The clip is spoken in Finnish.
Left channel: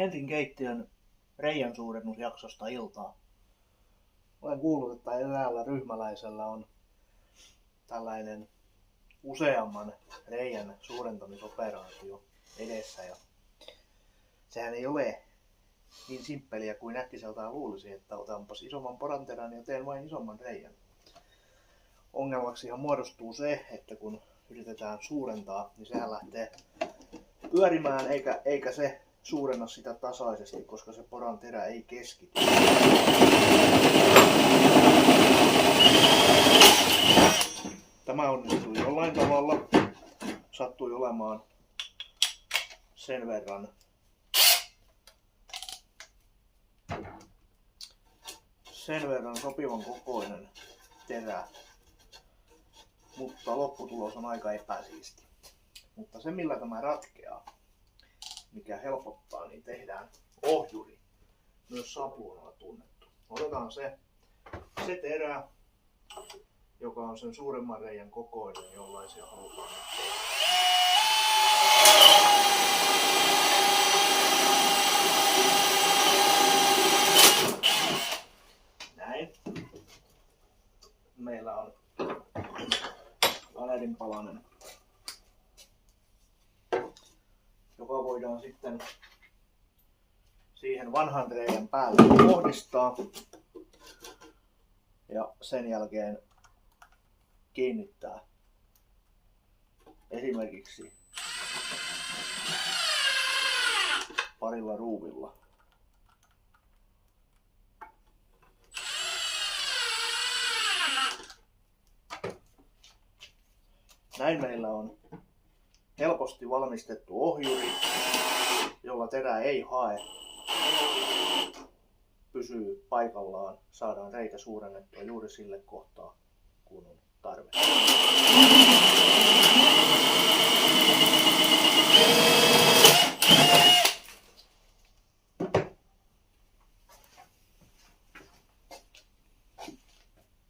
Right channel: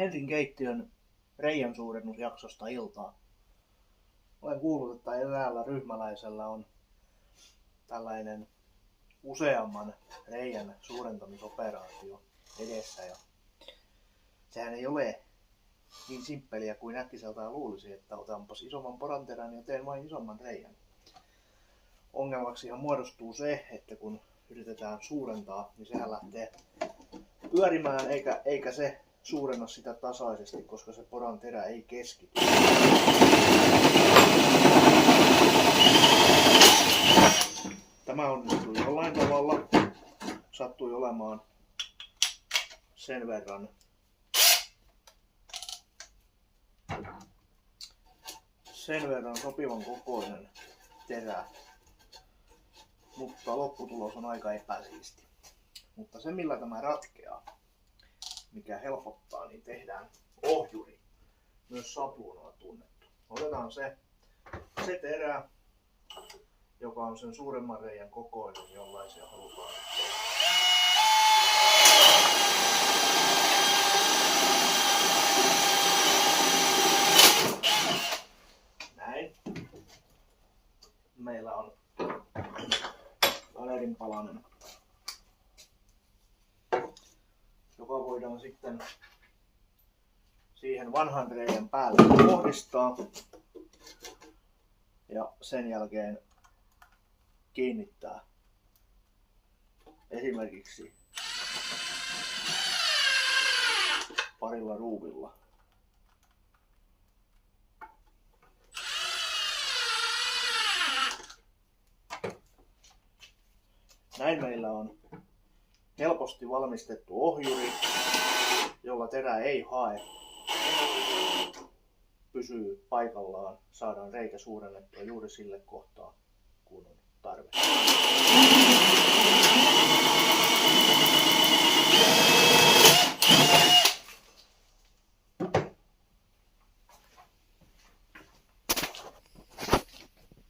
Henrin keittiön reiän suurennusjaksosta iltaa. Olen kuullut, että eräällä ryhmäläisellä on tällainen useamman reiän suurentamisoperaatio edessä. Ja sehän ei ole niin simppeliä kuin äkkiseltään luulisi, että otanpas isomman poranterän ja teen vain isomman reiän. Ongelmaksihan muodostuu se, että kun yritetään suurentaa, niin sehän lähtee pyörimään eikä se suurenna sitä tasaisesti, koska se poranterä ei keskity. Tämä onnistui jollain tavalla. Sattui olemaan sen verran sopivan kokoinen terä, mutta lopputulos on aika epäsiisti. Mutta se millä tämä ratkeaa, mikä helpottaa, niin tehdään ohjuri, myös sapluunalla tunnettu. Otetaan se terä, joka on sen suuremman reiän kokoinen, jollaisia halutaan tehdä. Näin. Meillä on valerinpalanen, joka voidaan sitten siihen vanhan reiän päälle kohdistaa ja sen jälkeen kiinnittää esimerkiksi parilla ruuvilla. Näin meillä on helposti valmistettu ohjuri, jolla terä ei hae, pysyy paikallaan, saadaan reikä suurennettua juuri sille kohtaa, kun on